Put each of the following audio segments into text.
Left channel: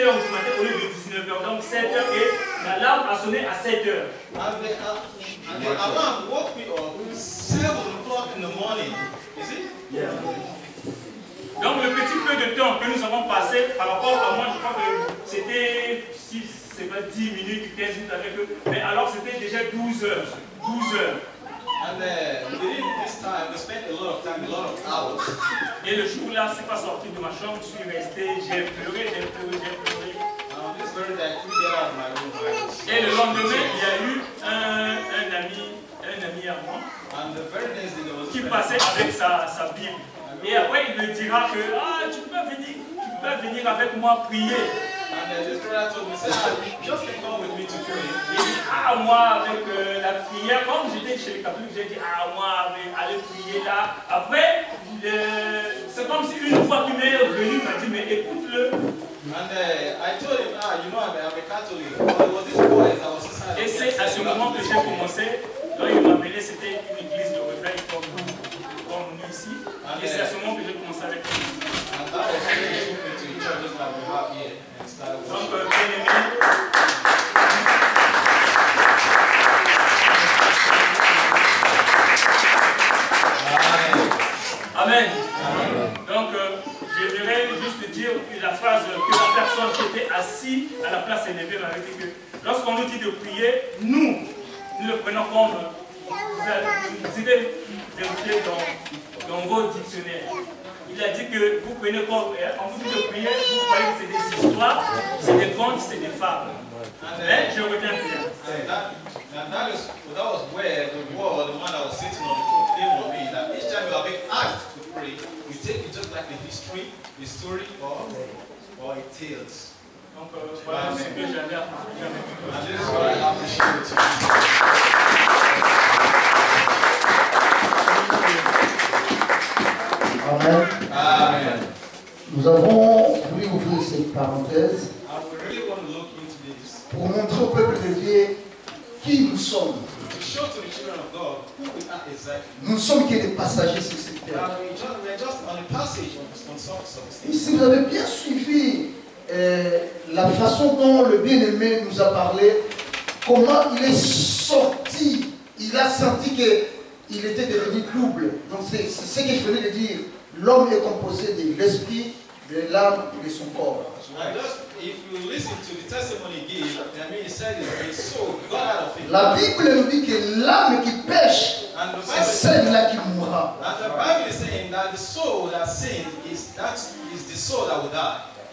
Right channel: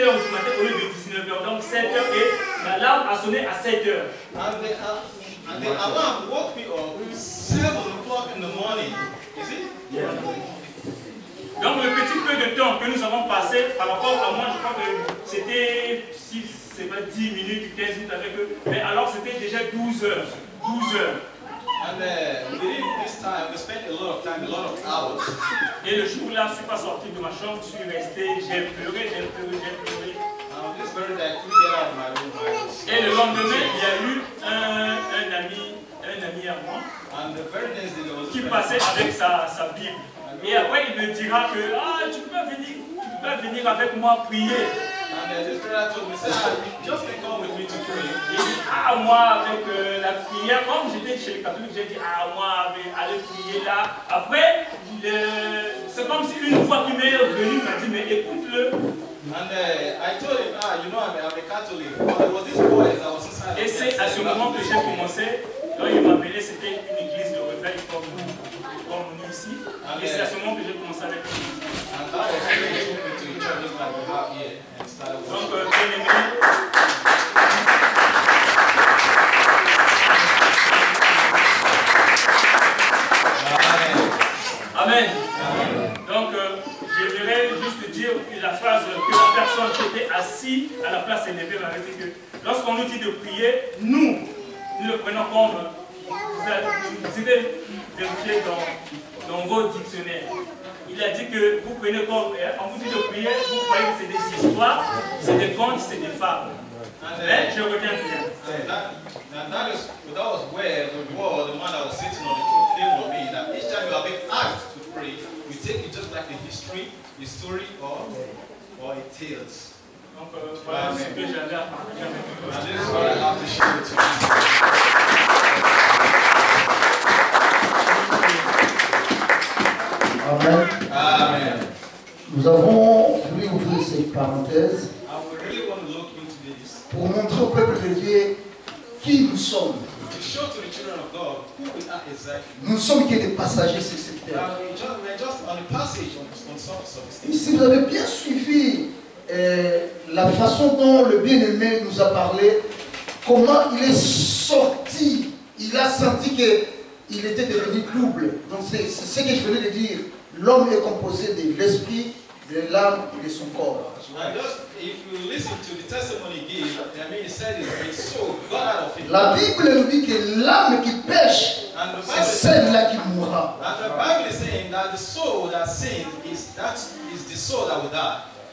7h du matin au lieu de 19h. Donc 7h et l'alarme a sonné à 7h. And the alarm woke me up 7 o'clock in the morning. You see? Yeah. Donc le petit peu de temps que nous avons passé par rapport à moi, je crois que c'était 10 minutes, 15 minutes avec eux. Mais alors c'était déjà 12 heures. 12 heures. And within this time, we spent a lot of time, a lot of hours. Et le jour-là, je ne suis pas sorti de ma chambre, je suis resté, j'ai pleuré. This very day, I couldn't get out of my room. Et le lendemain, il y a eu un ami à moi qui passait avec sa Bible. Et après, il me dira que tu peux venir avec moi prier. And this brother told me, just come with me to pray. Il dit, moi avec la prière, comme j'étais chez les catholiques, j'ai dit, moi aller prier là. Après, c'est comme si une voix qui m'est revenue m'a dit, mais écoute-le. And I told him, you know, I'm a Catholic. There was this boy that was inside. Et c'est à ce moment que j'ai commencé. Quand il m'a appelé, c'était une église de réveil comme nous ici. Et c'est à ce moment que j'ai commencé avec l'église. And that was when he took me to a church just like we have here and started worshiping. Donc, bien aimé. Amen. Amen. Donc, j'aimerais juste dire la phrase que la personne qui était assise à la place élevée m'avait dit que lorsqu'on nous dit de prier, nous le prenons comme vous devez vérifier dans vos dictionnaires. Il a dit que vous prenez comme, quand vous dites de prier, vous croyez que c'est des histoires, c'est des contes, c'est des fables. Mais je reviens bien. That was where the word, the one that was sitting on the throne, came on me. That each time you are being asked to pray, we take it just like a history, a story, or a tales. Donc voilà ce que j'avais à partager avec vous. And this is what I have to share with you. Amen. Amen. Nous avons voulu ouvrir cette parenthèse pour montrer au peuple de Dieu qui nous sommes. Nous ne sommes que des passagers sur cette terre. Et si vous avez bien suivi la façon dont le bien-aimé nous a parlé, comment il est sorti, il a senti qu'il était devenu double. Donc c'est ce que je venais de dire. L'homme est composé de l'esprit, de l'âme et de son corps. La Bible nous dit que l'âme qui pêche, c'est celle-là qui mourra.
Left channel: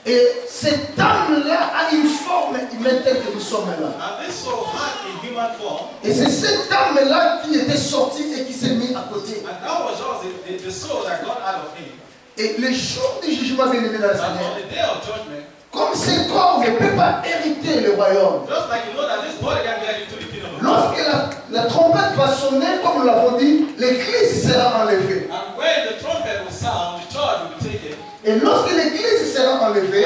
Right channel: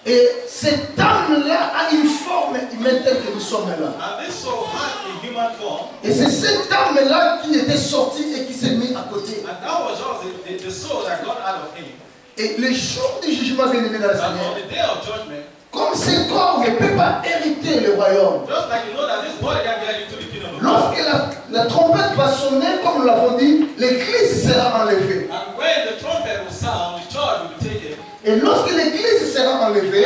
Et cette âme-là a une forme humaine telle que nous sommes là. Et c'est cette âme-là qui était sortie et qui s'est mise à côté. Et le jour du jugement, bien aimé dans le Seigneur, comme ce corps ne peut pas hériter le royaume, lorsque la trompette va sonner, comme nous l'avons dit, l'église sera enlevée. Et lorsque l'église sera enlevée,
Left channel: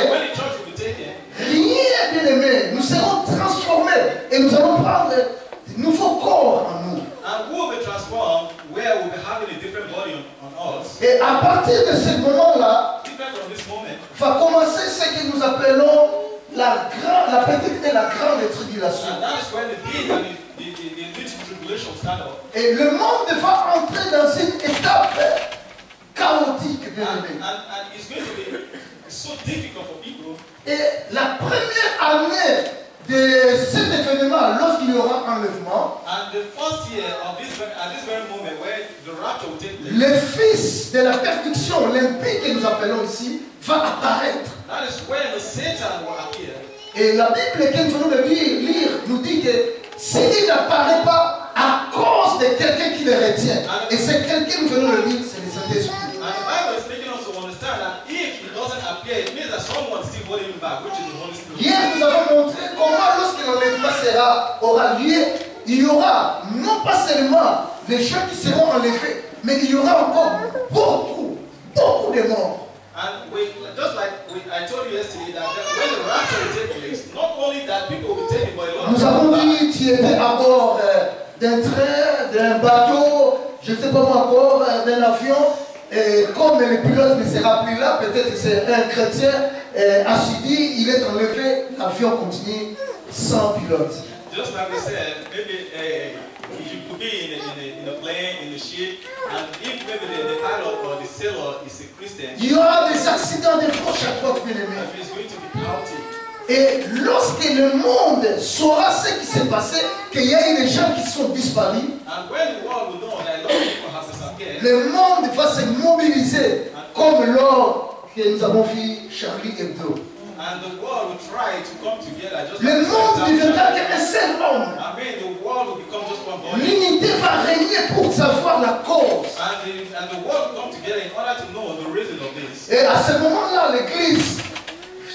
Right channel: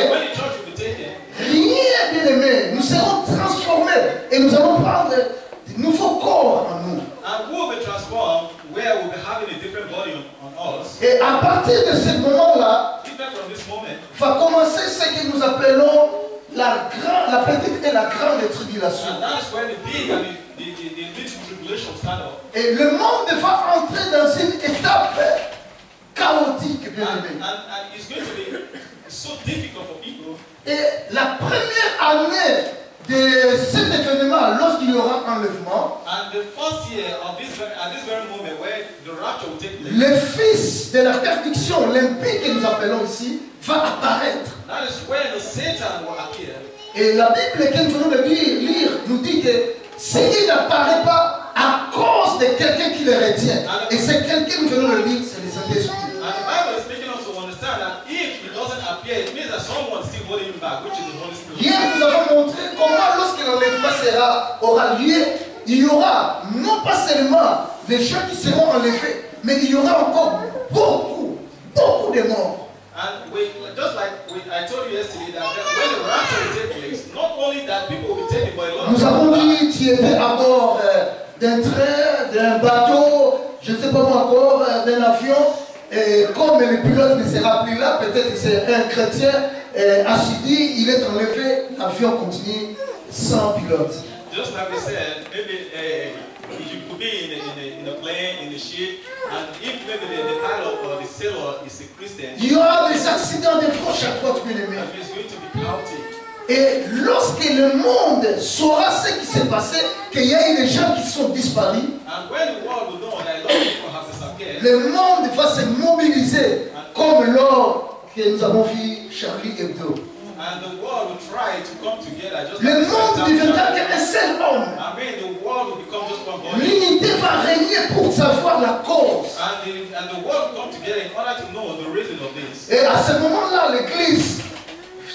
rien, bien aimé, nous serons transformés et nous allons prendre de nouveaux corps en nous. Et à partir de ce moment-là, va commencer ce que nous appelons la petite et la grande tribulation. Et le monde va entrer dans une étape chaotique, bien aimé. Et la première année de cet événement, lorsqu'il y aura enlèvement, le fils de la perdition, l'impie que nous appelons ici, va apparaître. Et la Bible que nous venons de lire nous dit que s'il n'apparaît pas à cause de quelqu'un qui le retient, et c'est quelqu'un que nous venons de lire, c'est le Saint-Esprit. Hier, nous avons montré comment, lorsque l'enlèvement aura lieu, il y aura non pas seulement les gens qui seront enlevés, mais il y aura encore beaucoup de morts. Nous avons dit, tu étais à bord d'un train, d'un bateau, je ne sais pas encore, d'un avion. Et comme le pilote ne sera plus là, peut-être que c'est un chrétien, assidus, il est enlevé, l'avion continue sans pilote. Just like they said, maybe you could be in a plane, in a ship, and if maybe the pilot or the sailor is a Christian, Il y aura des accidents de gauche à droite, bien aimé. he's going to be chaotic. Et lorsque le monde saura ce qui s'est passé, qu'il y a eu des gens qui sont disparus, And when the world will know that a lot of people have disappeared, le monde va se mobiliser comme lors que nous avons vu Charlie Hebdo. and the world will try to come together just Le like monde the deviendra qu'un seul homme. I mean, the world will become just one body. L'unité va régner pour savoir la cause. And the world will come together in order to know the reason of this. Et à ce moment-là, l'église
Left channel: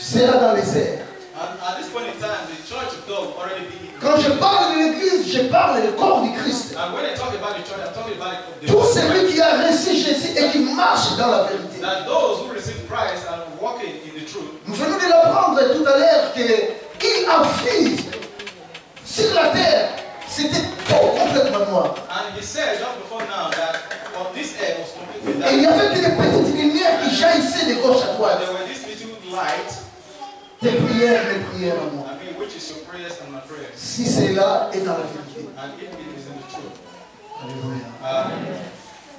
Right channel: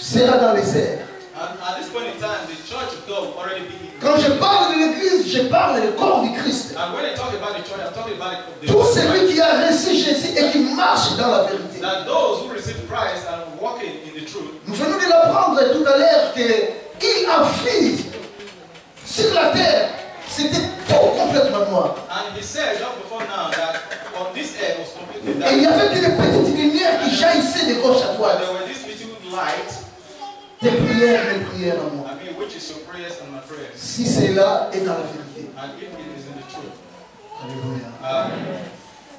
sera dans les airs. And at this point in time, the church of God will already be in. Quand je parle de l'église, je parle du corps du Christ. And when I talk about the church, I'm talking about the Tout celui qui a reçu Jésus et qui marche dans la vérité. that those who receive Christ are walking in the truth. Nous venons de l'apprendre tout à l'heure qu'il a fait sur la terre, c'était tout complètement noir. And he said just before now that on this earth was completely Et il y dark. avait une petite lumière qui jaillissait de gauche à And droite. there were this little light, Tes prières, mes prières à moi. I mean, which is your prayers and my prayers. Si cela est dans la vérité. And if it is in the truth. Alléluia.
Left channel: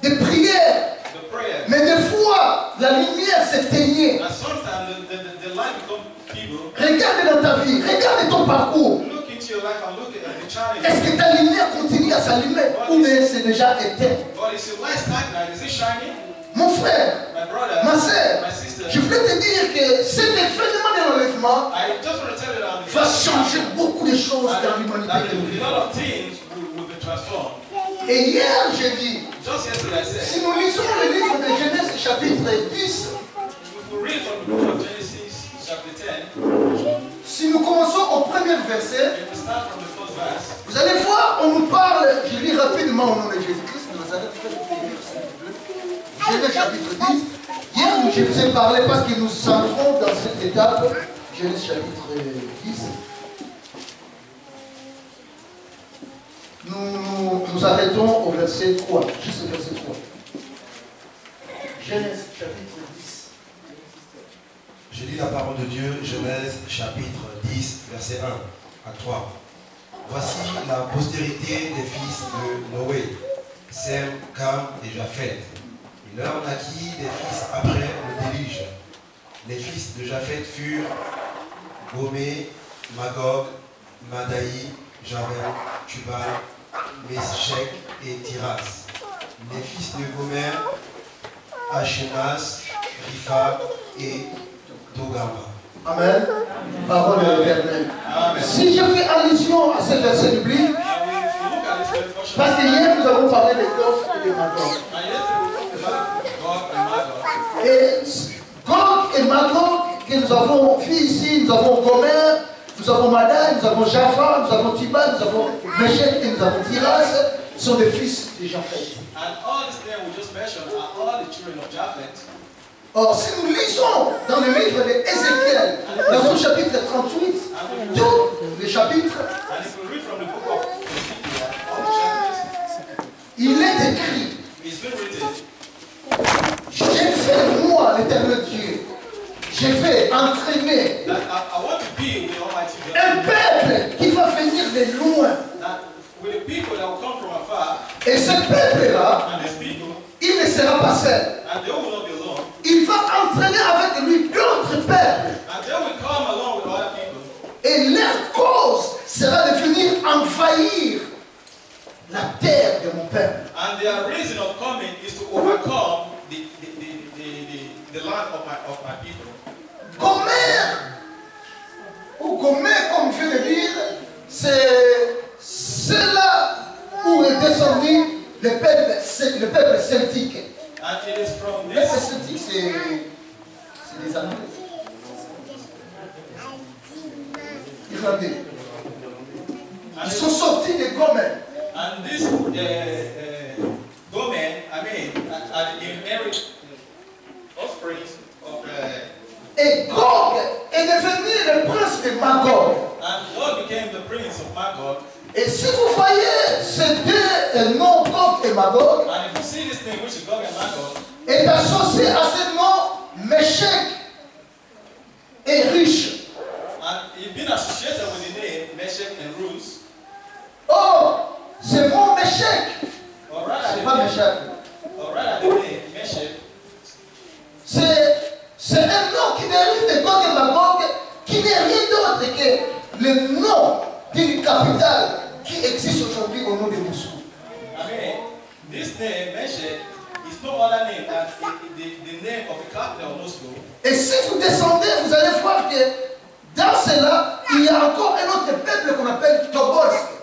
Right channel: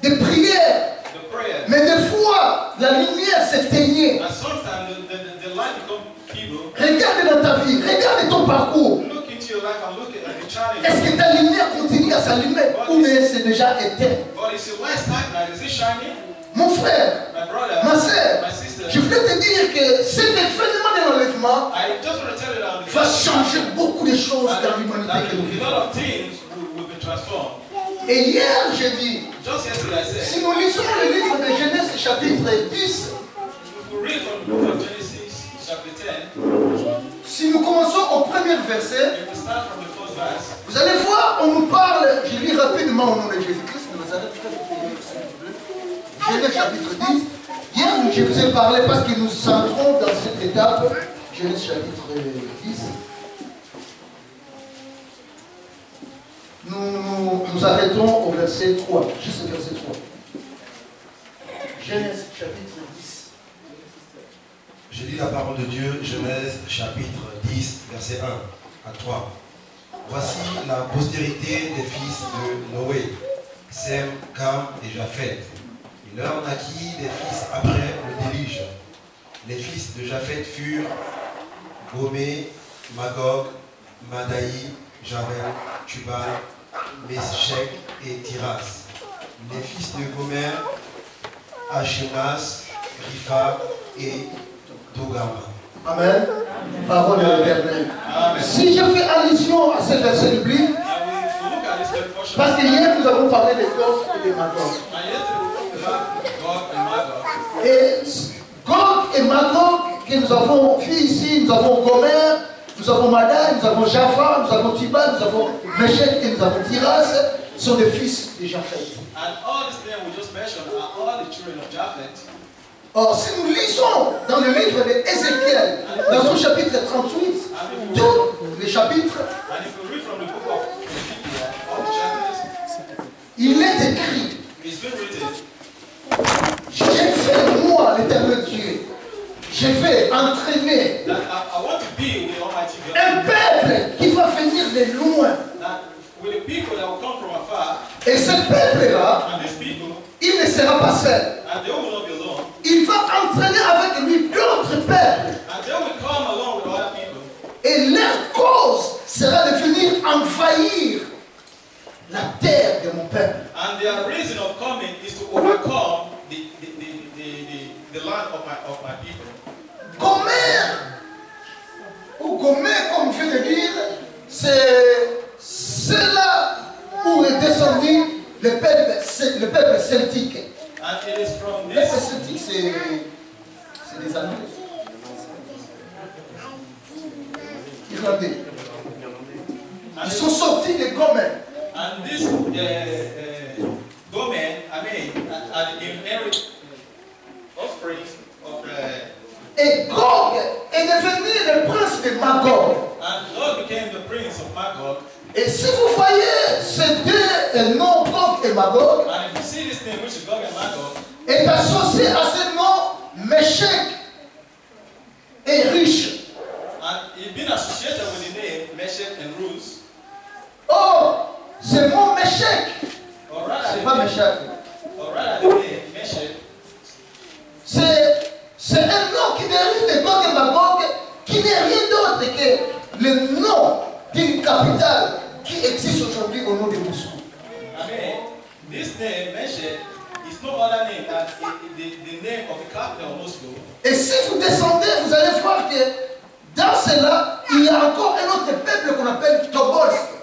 Des prières. The prayers. Mais des fois, la lumière s'éteignait. And sometimes the light becomes feeble. Regarde dans ta vie, regarde ton parcours. Look into your life and look at the challenge. Est-ce que ta lumière continue à s'allumer ou bien c'est déjà éteint? But is your light stagnant? Is it shining? Mon frère, My brother, ma soeur, my sister, je voulais te dire que cet événement de l'enlèvement I just want to tell you that va changer beaucoup de choses dans that l'humanité que nous a vivons. lot of things will be transformed. Et hier, j'ai dit, Just yesterday I said, si nous lisons le livre de Genèse chapitre 10, if we read from the book of Genesis chapter 10, si nous commençons au premier verset, if we start from the first verse, vous allez voir, on nous parle, je lis rapidement au nom de Jésus-Christ de Nazareth, Genèse chapitre 10. Hier, je vous ai parlé parce que nous centrons dans cette étape, Genèse chapitre 10. Nous arrêtons au verset 3, juste au verset 3. Genèse chapitre 10. Je lis la parole de Dieu, Genèse chapitre 10, verset 1 à 3. Voici la postérité des fils de Noé, Sem, Cam et Japheth. Il leur naquit des fils après le déluge. Les fils de Japheth furent Gomé, Magog, Madaï, Javel, Tubal, Meshech et Tiras. Les fils de Gomer, Ashénas, Ripha et Togama. Amen. Parole de l'Éternel. Amen. Si je fais allusion à ce verset biblique, And if we look at this very portion, parce que hier nous avons parlé de Gog et de Magog. and yesterday we talked about God and Magog. Et Gog et Magog que nous avons vu ici, nous avons Gomer, nous avons Madaï, nous avons Japha, nous avons Tibal, nous avons Meshech et nous avons Tiras, sont des fils de Japheth. And all these names we just mentioned are all the children of Japheth. Or, si nous lisons dans le livre d'Ézéchiel, dans son chapitre 38, tous les chapitres, And if we read from the book of Ezekiel, all the chapters, il est écrit, it's been written, j'ai fait moi, l'Éternel Dieu, je vais entraîner that I want to be with the Almighty God. un peuple qui va venir de loin. That with the people that will come from afar, Et ce peuple-là, and these people, il ne sera pas seul. and they will not be alone, Il va entraîner avec lui d'autres peuples. and they will come along with other people, Et leur cause sera de venir envahir la terre de mon peuple. and their reason of coming is to overcome the land of my people. Gomer, ou Gomer, comme je viens de dire, c'est là où est descendu le peuple celtique. And it is from Le peuple this, celtique, c'est les Anglais. Irlandais. Ils sont sortis de Gomer. and this Gomer, I mean, and inherit offspring of Et Gog est devenu le prince de Magog. and God became the prince of Magog. Et si vous voyez ces deux noms, Gog et Magog, And if you see this name, which is Gog and Magog, est associé à ce nom Meshech and Rus. Oh, c'est mon Méchec. Or rather, C'est pas Méchec. or rather the name Meshach. C'est un nom qui dérive de Gog et Magog, qui n'est rien d'autre que le nom d'une capitale qui existe aujourd'hui au nom de Moscou. I mean, this name Meshach is no other name than the name of the capital of Moscow. Et si vous descendez, vous allez voir que dans cela, il y a encore un autre peuple qu'on appelle Tobolsk.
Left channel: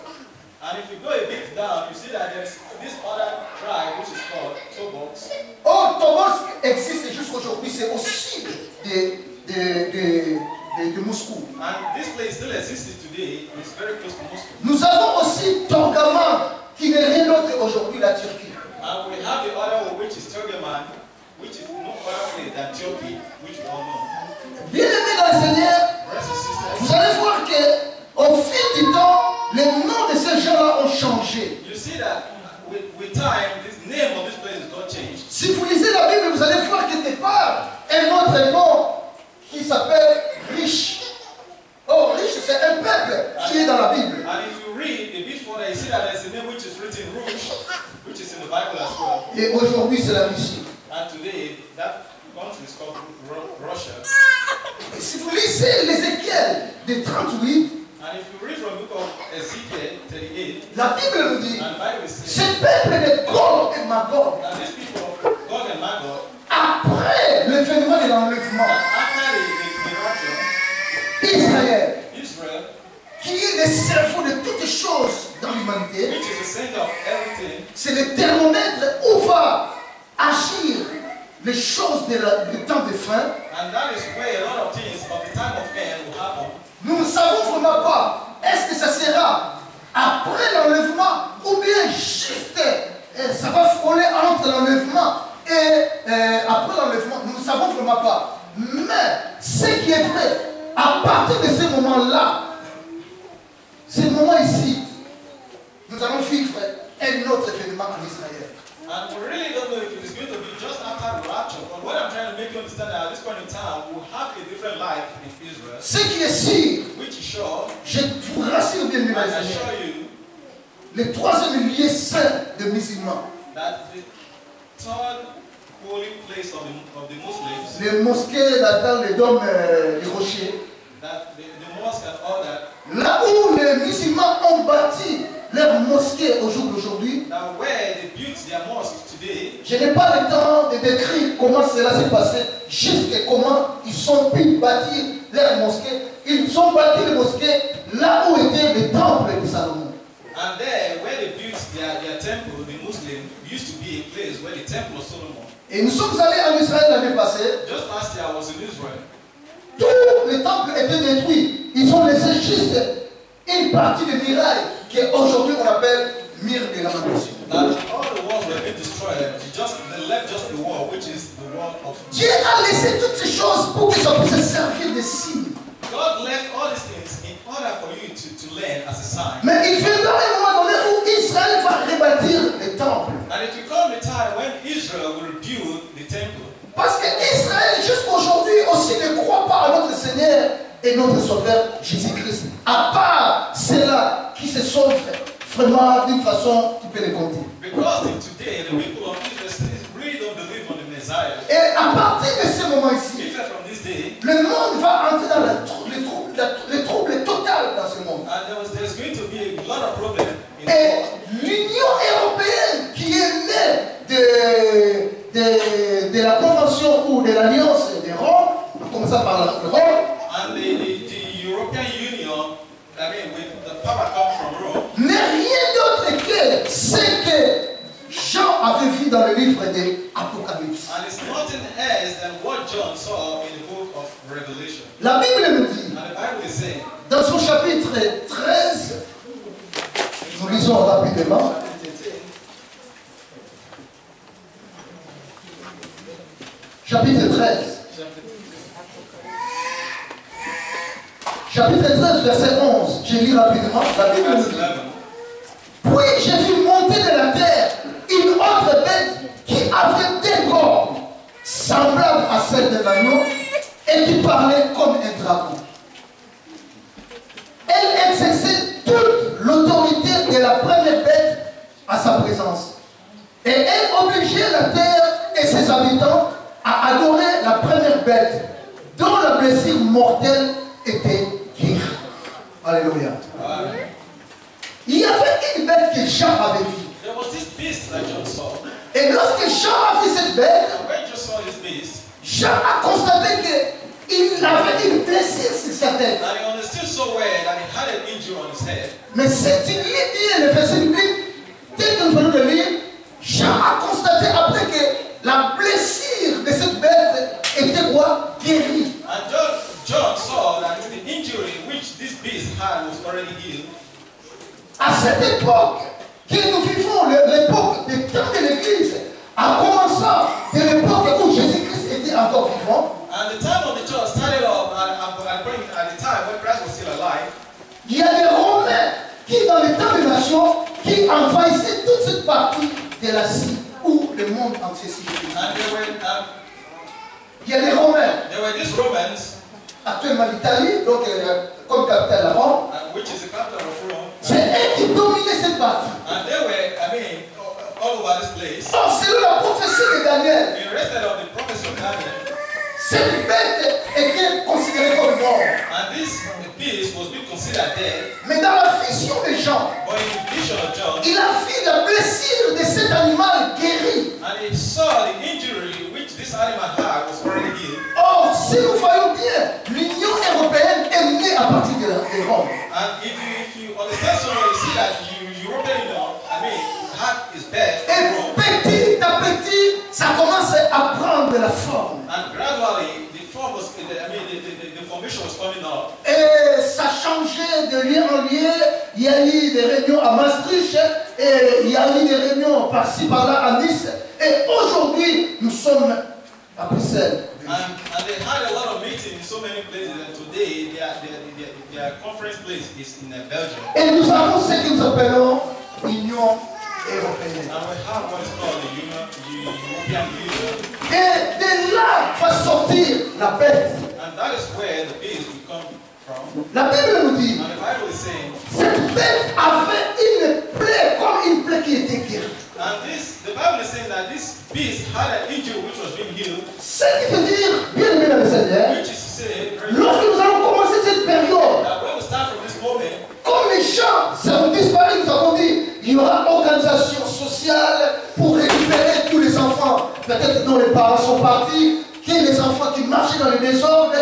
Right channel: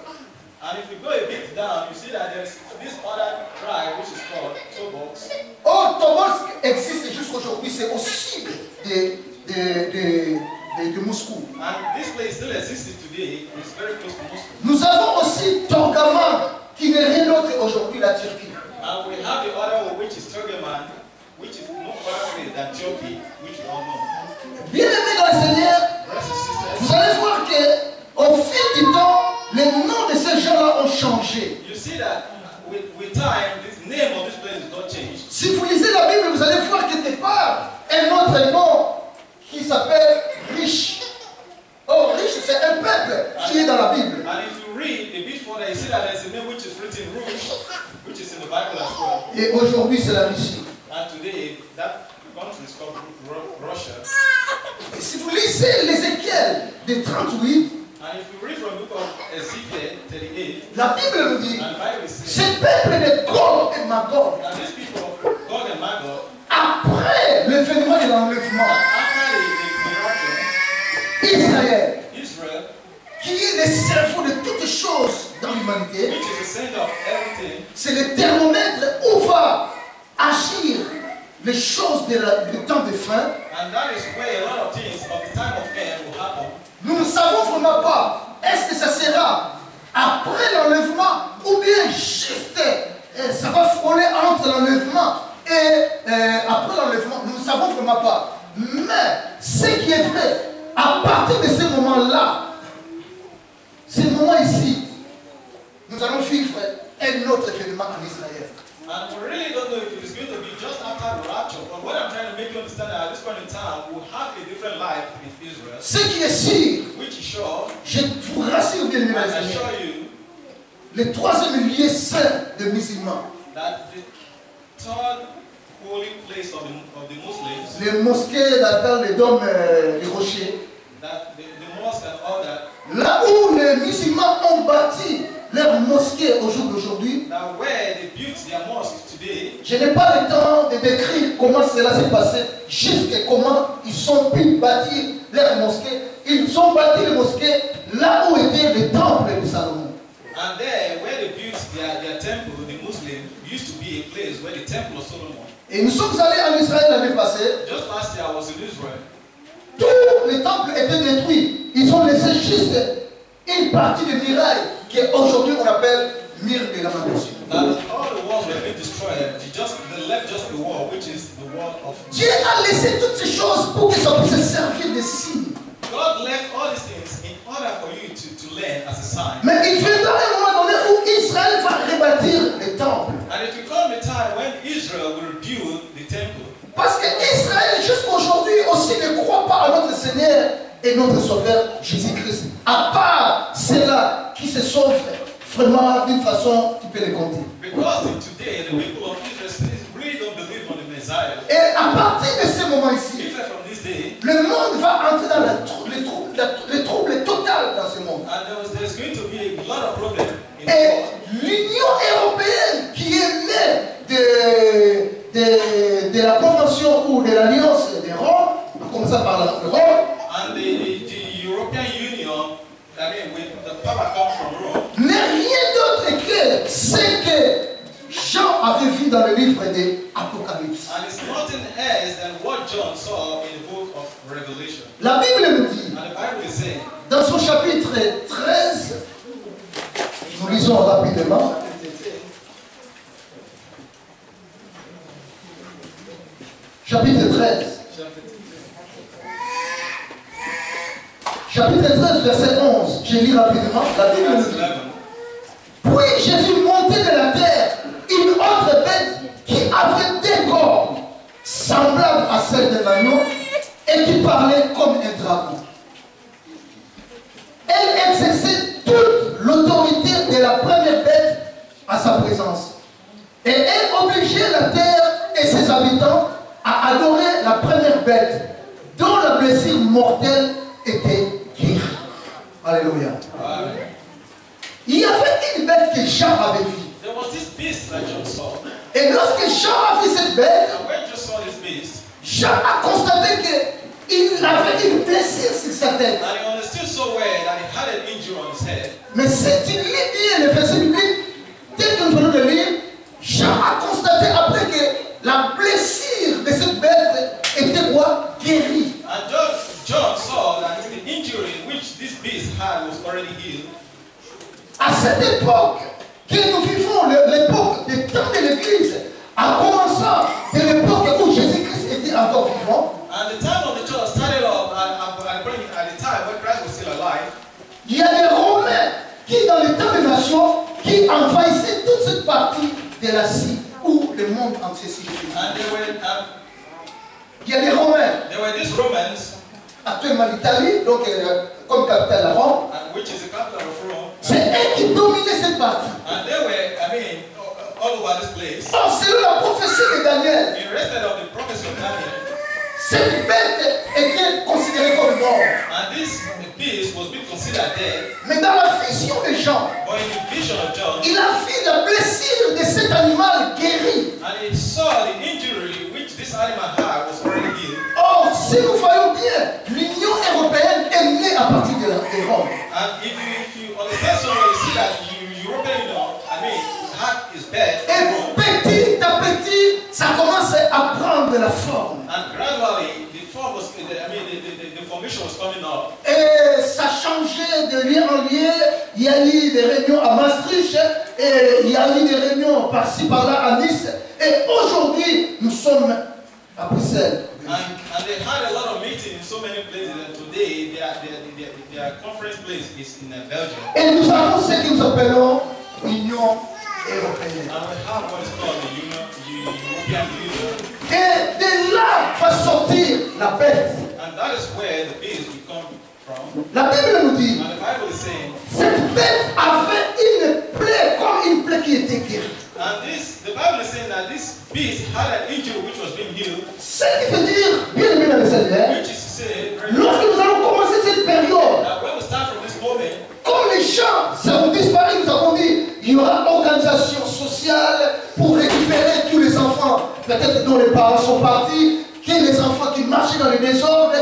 And if you go a bit down, you see that there's this other tribe which is called Tobolsk. Oh, Tobolsk existe jusqu'aujourd'hui, c'est au sud de Moscou. And this place still exists today. It's very close to Moscow. Nous avons aussi Torgaman, qui n'est rien d'autre aujourd'hui la Turquie. And we have the other one, which is Turgeman, which is no other place than Turkey, which we all know. Bien-aimés dans le Seigneur, Brothers and sisters, vous allez voir qu'au fil du temps, les noms de ces gens-là ont changé. you see that with time, this name of this place is not changed. Si vous lisez la Bible, vous allez voir quelque part un autre nom qui s'appelle Riche. Oh, Riche, c'est un peuple qui est dans la Bible. And if you read a bit further, you see that there's a name which is written Rouge, which is in the Bible as well. Et aujourd'hui, c'est la Russie. And today, that country is called Russia. Et si vous lisez l'Ézéchiel de 38, And if you read from the book of Ezekiel 38, la Bible nous dit, and the Bible says, ce peuple de Gog et Magog, that these people of Gog and Magog, après le phénomène de l'enlèvement, after the rapture, Israël, Israel, qui est le cerveau de toutes choses dans l'humanité, which is the center of everything, c'est le thermomètre où va agir les choses du temps de fin. and that is where a lot of things of the time of end will happen. Nous ne savons vraiment pas, est-ce que ça sera après l'enlèvement ou bien juste ça va frôler entre l'enlèvement et après l'enlèvement. Nous ne savons vraiment pas. Mais ce qui est vrai, à partir de ce moment-là, ce moment ici, nous allons vivre un autre événement en Israël. And we really don't know if it is going to be just after the rapture, but what I'm trying to make you understand that at this point in time, we'll have a different life in Israel, Ce qui est sûr, which is sure, je vous rassure bien, mes and I amis, assure you, le troisième lieu saint des musulmans, that the third holy place of the Muslims, les mosquées dans les dômes des rochers, that the mosque and all that, là où les musulmans ont bâti leur mosquée au jour d'aujourd'hui, that where they built their mosques today, je n'ai pas le temps de décrire comment cela s'est passé, jusqu'à comment ils ont pu bâtir leur mosquée. Ils ont bâti les mosquées là où était le temple de Salomon. and there where they built their temple, the Muslims used to be a place where the temple of Solomon. Et nous sommes allés en Israël l'année passée. Just last year I was in Israel. Tous les temples étaient détruits. Ils ont laissé juste une partie de muraille qu'aujourd'hui on appelle mur de lamentation. That all the walls were being destroyed. They left just the wall, which is the wall of. Dieu a laissé toutes ces choses pour que ça puisse servir de signe. God left all these things in order for you to learn as a sign. Mais il viendra un moment donné où Israël va rebâtir les temples. And it will come a time when Israel will rebuild the temple. Parce que Israël, jusqu'aujourd'hui, aussi ne croit pas à notre Seigneur et notre Sauveur Jésus-Christ. À part ceux-là qui se sauvent vraiment d'une façon qui peut les compter. Because today the people of Israel really don't believe on the Messiah. Et à partir de ce moment ici, Even from this day, le monde va entrer dans le trouble total dans ce monde. and there's going to be a lot of problems in the Et world. l'Union européenne qui est née de la Convention ou de l'Alliance de Rome, en commençant par Rome, And the European Union, I mean, with the power comes from Rome, n'est rien d'autre que ce que Jean avait vu dans le livre de l'Apocalypse. and it's nothing else than what John saw in the book of Revelation. La Bible nous dit, And the Bible is saying, dans son chapitre 13, nous lisons rapidement, chapitre 13. Chapitre 13, verset 11. Je lis rapidement. La Bible nous verse dit. 11. Puis j'ai vu monter de la terre une autre bête qui avait des cornes, semblables à celles d'un agneau, et qui parlait comme un dragon. Elle exerçait toute ses habitants à adorer la première bête dont la blessure mortelle était guérie. Alléluia. Il y avait une bête que Jean avait vue. There was this beast that John saw. Et lorsque Jean a vu cette bête, And when John saw this beast, Jean a constaté qu'il avait une blessure sur sa tête. and he understood so well that he had an injury on his head. Mais si tu lis bien le verset biblique, tel que nous venons de lire, Jean a constaté après que la blessure de cette bête était quoi? Guérie. And John saw that the injury which this beast had was already healed. À cette époque que nous vivons, l'époque des temps de l'Église, en commençant de l'époque où Jésus-Christ était encore vivant, And the time of the church started off at the time when Christ was still alive. il y a des Romains qui, dans les temps des nations, qui envahissaient toute cette partie de l'Asie où le monde entier s'y vit. And Il y a des Romains, there were these Romans, actuellement l'Italie, donc comme capitale la Rome, which is the capital of Rome. c'est eux qui dominaient cette partie. And they were, all over this place. Or, selon la prophétie de Daniel, In respect of the prophecy of Daniel, cette bête était considérée comme mort. and this beast was being considered dead. Mais dans la vision de Jean, But in the vision of John, il a vu la blessure de cet animal guéri. and he saw the injury which this animal had was already healed. Or, si nous voyons bien, l'Union européenne est née à partir de Rome. And if you understand so well, you see that European law, had his bed Et in Rome. petit à petit, ça commence à prendre la forme. And gradually, the form was, the formation was coming up. Et ça changeait de lieu en lieu. Il y a eu des réunions à Maastricht, et il y a eu des réunions par-ci par-là à Nice. Et aujourd'hui, nous sommes à Bruxelles. And they had a lot of meetings in so many places, and today their conference place is in Belgium. Et nous avons ce que nous appelons Union européenne. And we have what is called the European Union. Et de là va sortir la bête. And that is where the beast will come from. La Bible nous dit, And the Bible is saying, cette bête avait une plaie comme une plaie qui était guérie. and the Bible is saying that this beast had an injury which was being healed, Ce qui veut dire, bien aimé dans le Seigneur, which is to say, lorsque nous allons commencer cette période, that when we start from this moment, comme les champs seront disparus, nous avons dit, il y aura organisation sociale pour récupérer tous les enfants, peut-être dont les parents sont partis, que les enfants qui marchaient dans les désordres,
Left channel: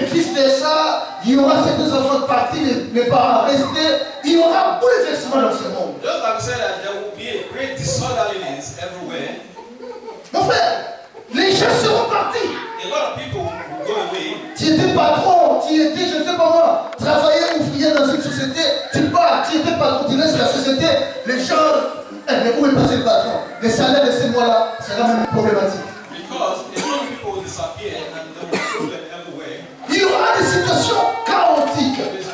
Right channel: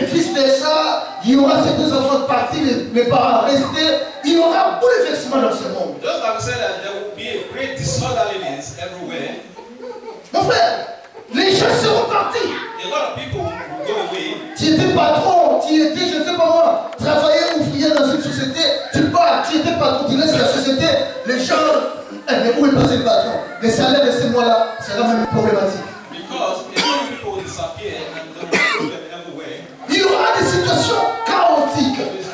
et vice versa, il y aura certains enfants partis, les parents restés, il y aura bouleversement dans ce monde. just like we said that there will be a great disorderliness everywhere, Mon frère, les gens seront partis. a lot of people will go away. Tu étais patron, tu étais, je ne sais pas moi, travailleur, ouvrier dans une société, tu pars, tu étais patron, tu laisses la société, les gens, mais où est passé le patron? Les salaires de ces mois-là, c'est quand même problématique. Because a lot of people will disappear and there will be problem everywhere. Il y aura des situations chaotiques. It's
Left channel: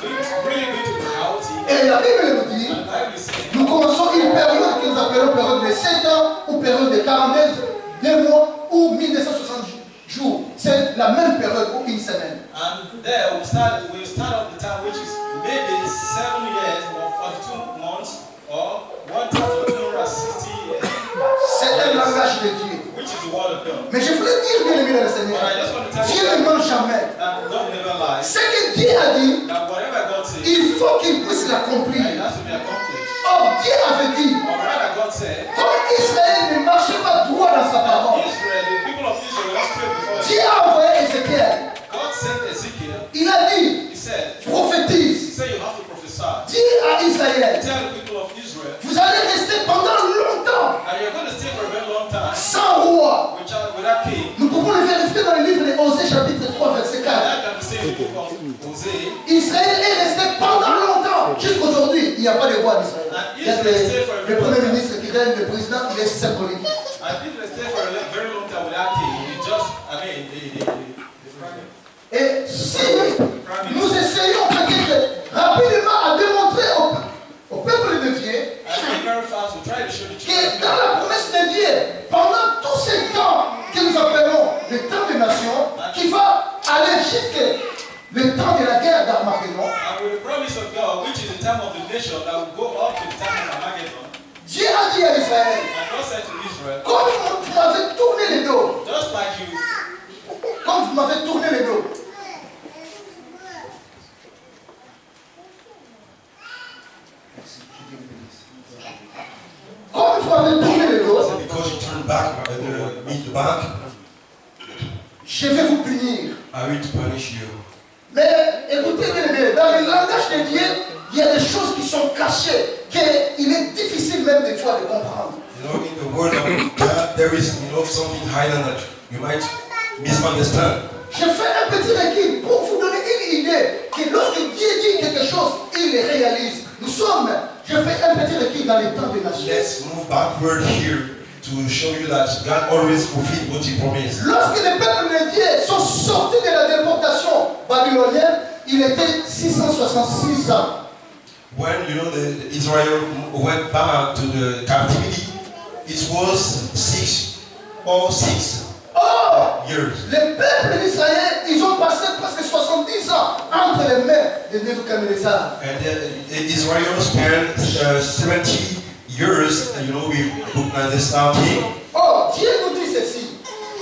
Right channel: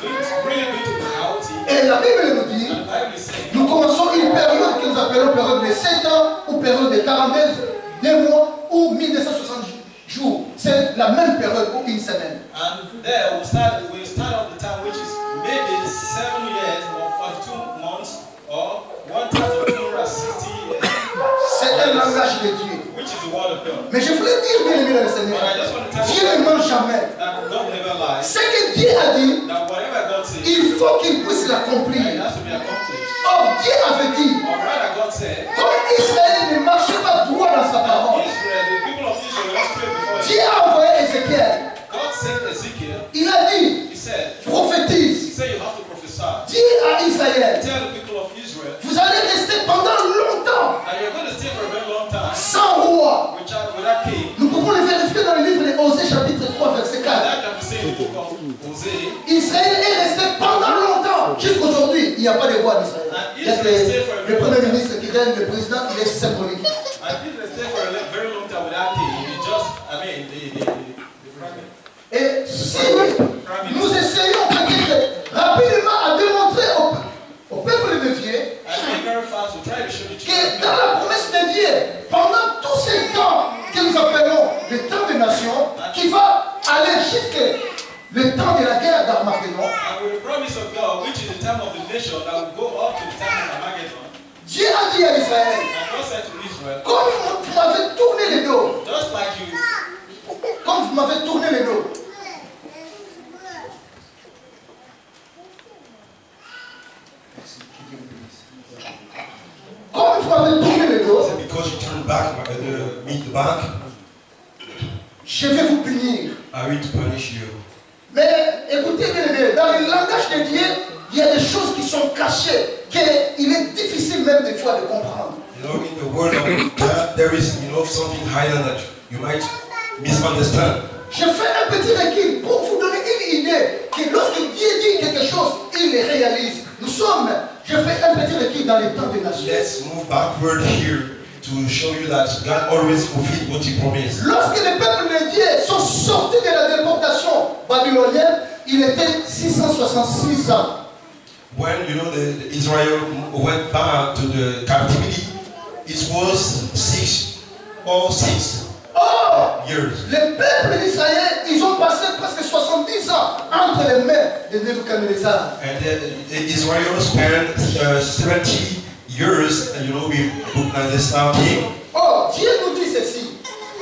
really going to be chaotic. Et la Bible nous dit, And the Bible is saying, nous commençons une période que nous appelons période de 7 ans ou période de 42 mois ou 1960 jours. C'est la même période ou une semaine. and there we'll start off the time which is maybe 7 years or 42 months or 1,260 years, C'est un langage de Dieu. which is the word of God. Mais je voulais dire, bien aimé dans le Seigneur, But I just want to tell Dieu you ne ment jamais. that God never lies. Ce que Dieu a dit, That whatever God says, il faut qu'il puisse it l'accomplir. has to be accomplished. Or, Dieu avait dit, Or rather, God said, comme Israël ne marchait pas droit dans sa parole, Israel, the people of Israel were straight before Dieu him. a envoyé Ézéchiel. God sent Ezekiel. Il a dit, He said, prophétise. you have to prophesy. Dis à Israël, Tell the people of Israel vous allez rester pendant longtemps that you're going to stay for a very long time sans roi. without king. Nous pouvons le vérifier dans le livre de Osée chapitre 3 verset 4. That can be seen in the book of Hosea. Israël est resté pendant longtemps. Jusqu'aujourd'hui, il n'y a pas de roi d'Israël. Il y a le premier ministre qui règne, le président, il est symbolique. And Israel stay for a very long time without king. It just, the prime Et si nous essayons peut-être rapidement à démontrer au peuple de Dieu que dans la promesse de Dieu, pendant tous ces temps que nous appelons le temps des nations, qui va aller jusqu'à le temps de la guerre d'Armageddon, and with the promise of God, which is the time of the nation that will go up to the time of Armageddon, Dieu a dit à Israël, and God said to Israel, comme vous m'avez tourné le dos, me back, je vais vous punir. I will punish you. Mais écoutez bien, dans le langage de Dieu, il y a des choses qui sont cachées, qu'il est difficile même des fois de comprendre. You know, in the word of God, there is, something hidden that you might misunderstand. Je fais un petit recul pour vous donner une idée que lorsque Dieu dit quelque chose, il le réalise. Je fais un petit recul dans les temps de nation. Let's move backward here to show you that God always fulfilled what He promised. Lorsque les peuples de Dieu sont sortis de la déportation babylonienne, il était 666 ans. When the Israel went back to the captivity, it was 6 years. Les peuples d'Israël, ils ont passé presque 70 ans entre les mains de Nebuchadnezzar. And Israel spent 70 years, with Nebuchadnezzar king. Oh, Dieu nous dit ceci.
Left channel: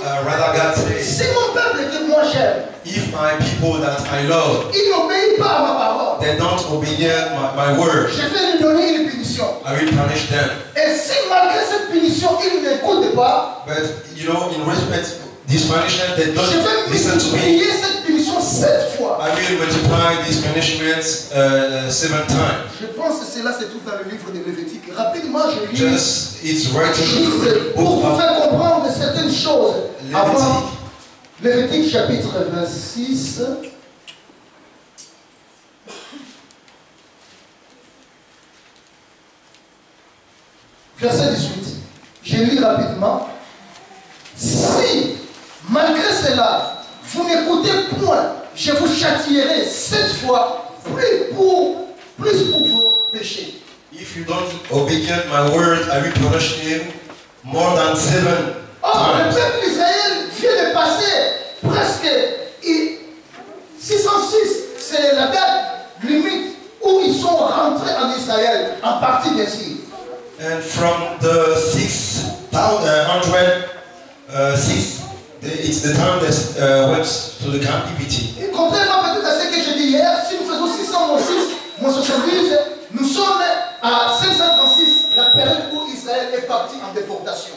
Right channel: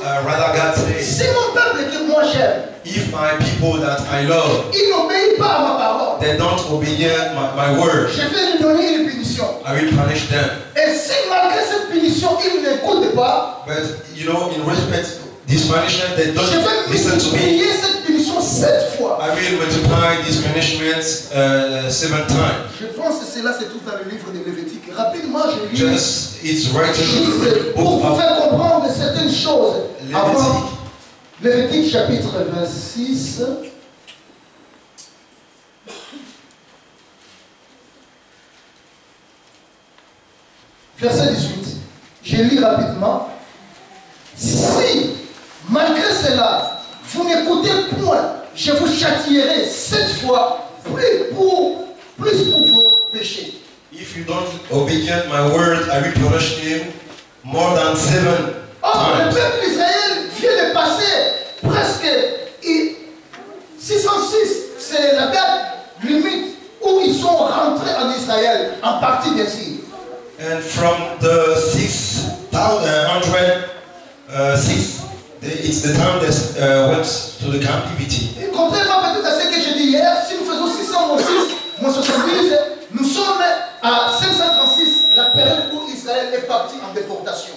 Rather God says, si mon peuple que moi j'aime, if my people that I love, ils n'obéissent pas à ma parole, they don't obey my word, je vais lui donner une punition. I will punish them. Et si malgré cette punition, ils n'écoutent pas, but in respect this punishment, they don't je vais listen to me. multiplier cette punition 7 fois. I will multiply these punishments 7 times. Je pense que cela se trouve dans le livre de Lévitique. Rapidement, je lis. It's right Juste pour vous faire comprendre certaines choses. Avant Lévitique chapitre 26. Verset 18. Je lis rapidement. Si, malgré cela, vous n'écoutez point, je vous châtierai 7 fois plus pour vos péchés. If you don't obey my word, I will punish him more than 7 Or, le times. peuple d'Israël vient de passer presque 606. C'est la date limite où ils sont rentrés en Israël, en partie bien sûr. And from the 606, it's the time that went to the captivity. Et contrairement peut-être à ce que j'ai dit hier, si nous faisons 600 moins 70, nous sommes à 536, la période où Israël est parti en déportation.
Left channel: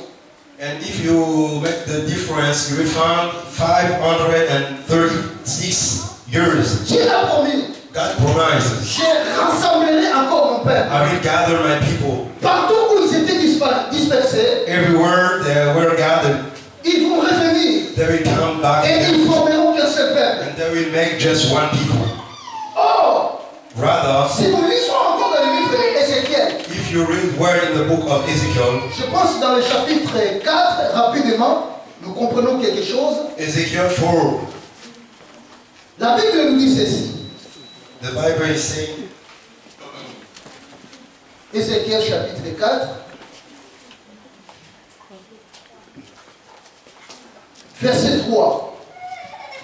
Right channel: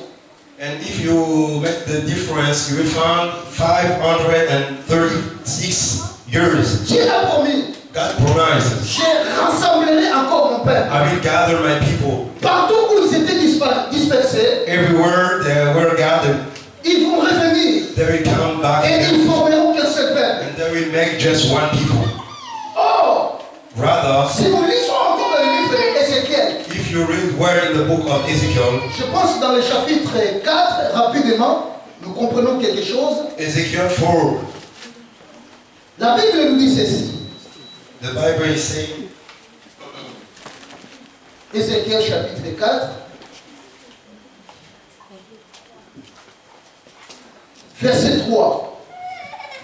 And if you make the difference, you will find 536 years. Dieu a promis, God promises, je rassemblerai encore mon peuple. I will gather my people. Partout où ils étaient dispersés, Everywhere they were gathered, ils vont revenir they will come back et again, ils formeront qu'un seul peuple. and they will make just one people. Or, Rather, si nous lisons encore dans le livre d'Ézéchiel, if you read where in the book of Ezekiel, je pense que dans le chapitre 4, rapidement, nous comprenons quelque chose. Ezekiel 4, La Bible nous dit ceci. the Bible is saying, Ézéchiel chapitre 4, verset 3.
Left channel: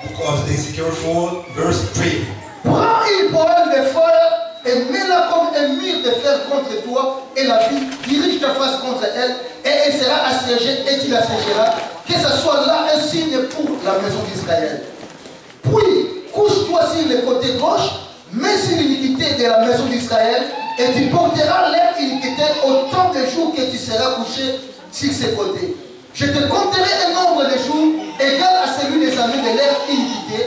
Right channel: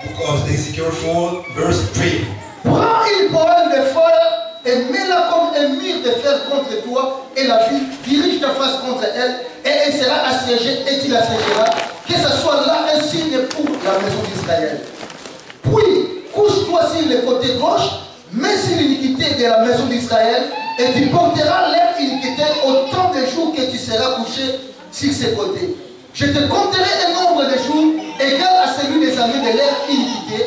book of Ezekiel 4, verse 3. Prends une poêle de fer et mets-la comme un mur de fer contre toi et la ville, dirige ta face contre elle et elle sera assiégée et tu l'assiégeras, que ce soit là un signe pour la maison d'Israël. Puis, couche-toi sur le côté gauche, mets sur l'iniquité de la maison d'Israël et tu porteras leur iniquité autant de jours que tu seras couché sur ce côté. Je te compterai un nombre de jours égal à celui des années de leur iniquité,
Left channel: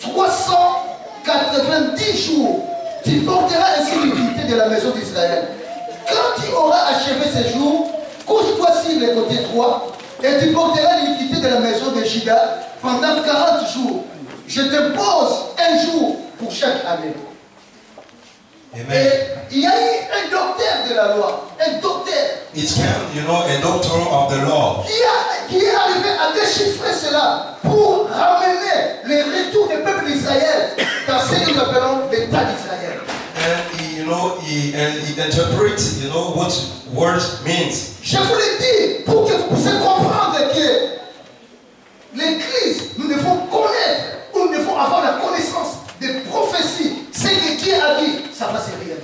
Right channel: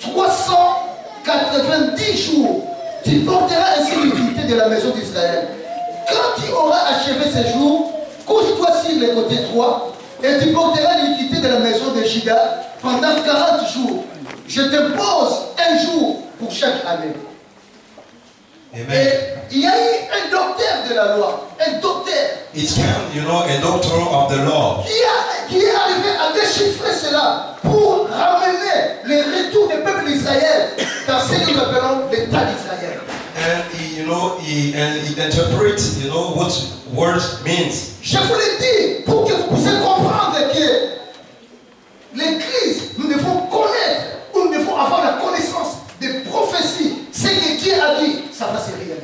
390 jours. Tu porteras ainsi l'iniquité de la maison d'Israël. Quand tu auras achevé ces jours, couche-toi sur le côté droit et tu porteras l'iniquité de la maison de Juda pendant 40 jours. Je te pose un jour pour chaque année. Amen. Et il y a eu un docteur de la loi, un docteur It's called, a doctor of the law. qui est arrivé à déchiffrer cela pour ramener le retour des peuples d'Israël dans ce que nous appelons l'État d'Israël. And he interprets, what word means. Je vous l'ai dit pour que vous puissiez comprendre que l'Église, nous devons connaître, ou nous devons avoir la connaissance des prophéties. Ce que Dieu a dit, ça va se réaliser.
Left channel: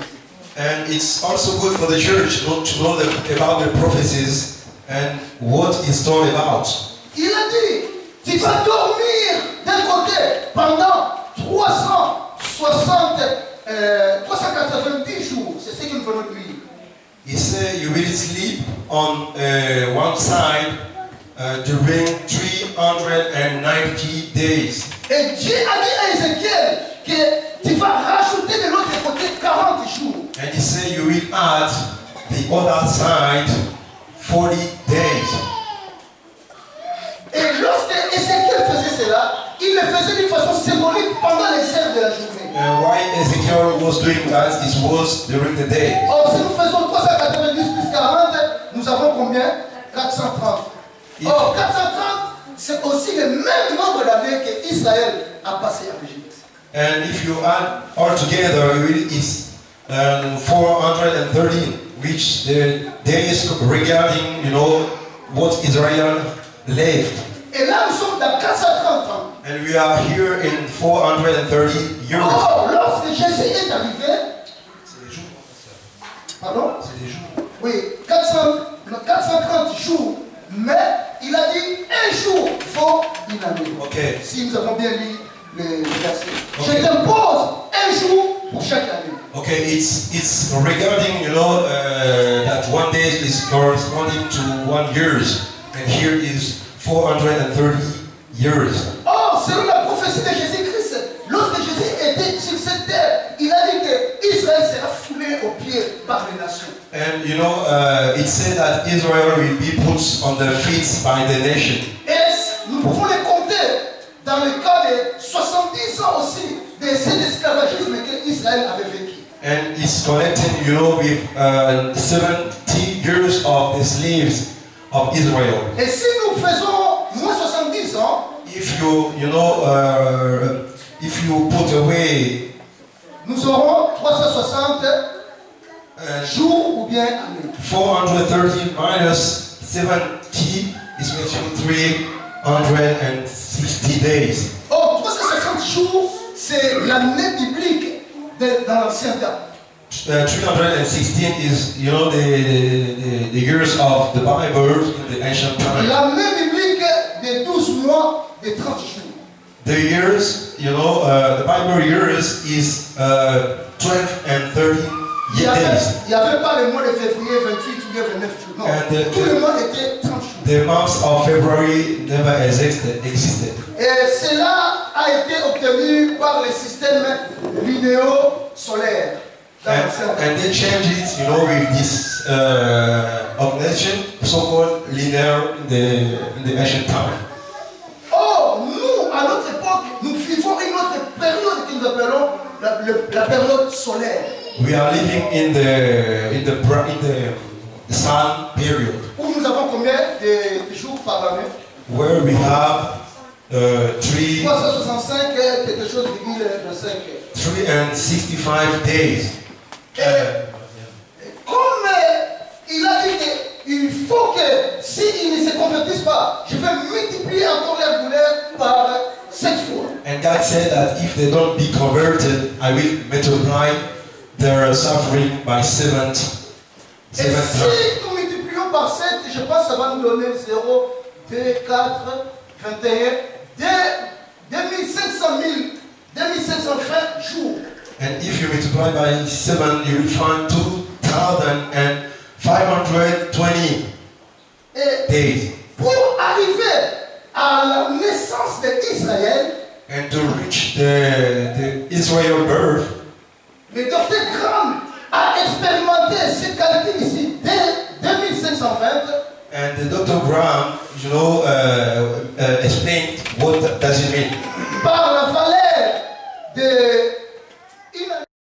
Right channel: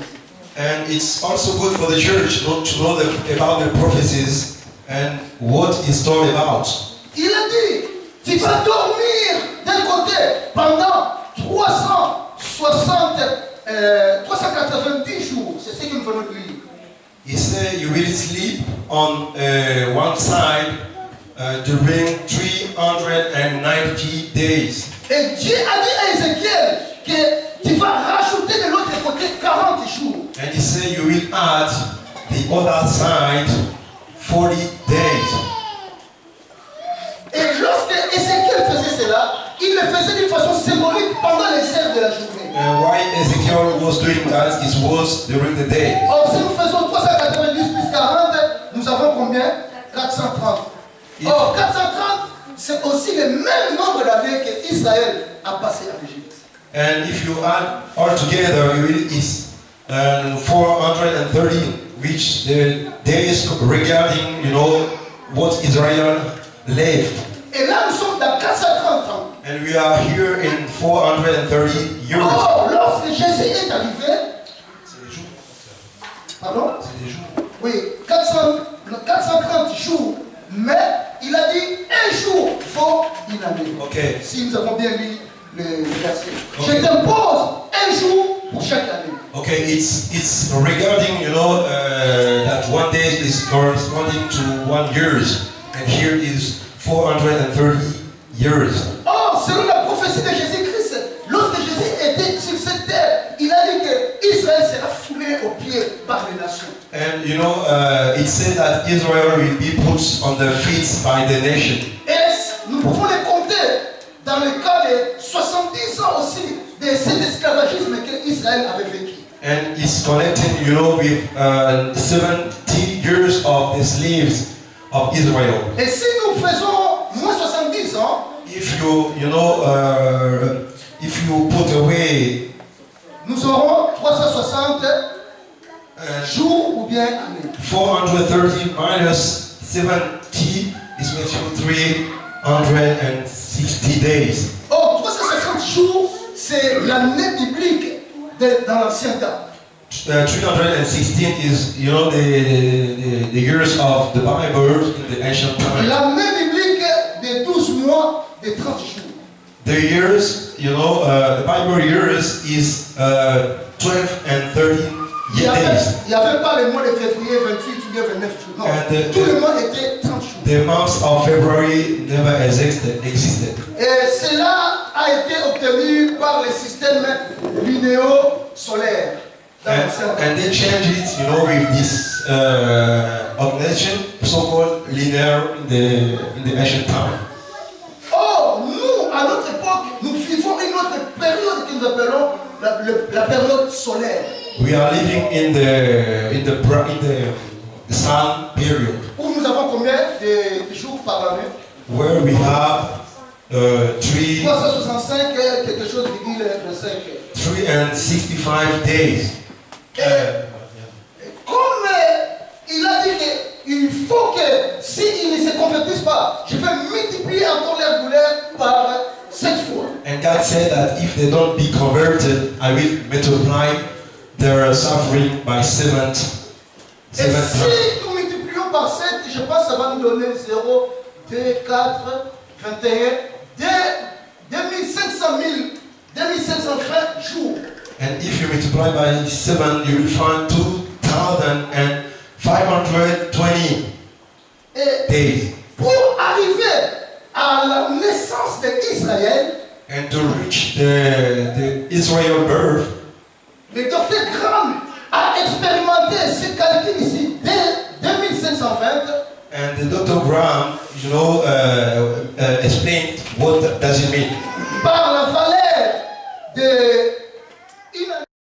And it's also good for the church to know about the prophecies and what it's all about. Il a dit, tu vas dormir d'un côté pendant 390 jours. C'est ce que nous venons de lire. He said you will sleep on one side during 390 days. Et Dieu a dit à Ézéchiel que tu vas rajouter de l'autre côté 40 jours. And he said you will add the other side 40 days. Et lorsque Ézéchiel faisait cela, il le faisait d'une façon symbolique pendant les heures de la journée. And why Ezekiel was doing that, it was during the day. Or, si nous faisons 390 plus 40, nous avons combien? 430. Or, 430, c'est aussi le même nombre d'années qu'Israël a passé en Égypte. And if you add all together, it's 430, which the days regarding, what Israel lived. Et là, nous sommes dans 430 ans. And we are here in 430 years. Or, lorsque Jésus est arrivé, C'est des jours. pardon? C'est des jours. Oui, 430 jours, mais il a dit un jour faut une année. Okay. Si nous avons bien lu le verset. Okay. Je t'impose un jour pour chaque année. Okay, it's regarding, that one day is corresponding to 1 year, and here is 430 years. Or, selon la prophétie de Jésus-Christ, lorsque Jésus était sur cette terre, il a dit que Israël sera foulé aux pieds par les nations. And it said that Israel will be put on the feet by the nation. Et nous pouvons les compter dans le cas de 70 ans aussi de cet esclavagisme que Israël avait vécu. And it's connected, with 70 years of the slaves of Israel. Et si nous faisons moins 70 ans, If you put away nous aurons 360 jours ou bien années. 430 minus 70 is makes you 360 days. Or, 360 jours, c'est l'année biblique dans l'Ancien Temps. 316 is, the years of the Bible in the ancient time. L'année biblique de 12 mois, de 30 jours. The years, the Bible years is 12 and 13 Il days. n'y avait pas le mois de février 28 ou bien 29 jours. Non, tout le mois était 30 jours. The month of February never existed. Et cela a été obtenu par le système lunéo-solaire. And they changed it, with this organization, so-called linear in the ancient time. Or, nous, à notre époque, nous vivons une autre période que nous appelons la période solaire. We are living in the sun period. Où nous avons combien de jours par année? Where we have 365, quelque chose, 365 days. Comme il a dit qu'il faut que s'ils ne se convertissent pas, je vais multiplier encore leur douleur par 7 fois. And God said that if they don't be converted, I will multiply their suffering by 7 Et si times. nous multiplions par 7, je pense que ça va nous donner 0, 2, 4, 21, 2520 jours. And if you multiply by 7, you will find 2,520 Et days. pour arriver à la naissance d'Israël, And to reach the Israel birth, le docteur Graham a expérimenté ce calcul ici dès 2520. and the Dr. Graham, explained what does it mean. Par la valeur de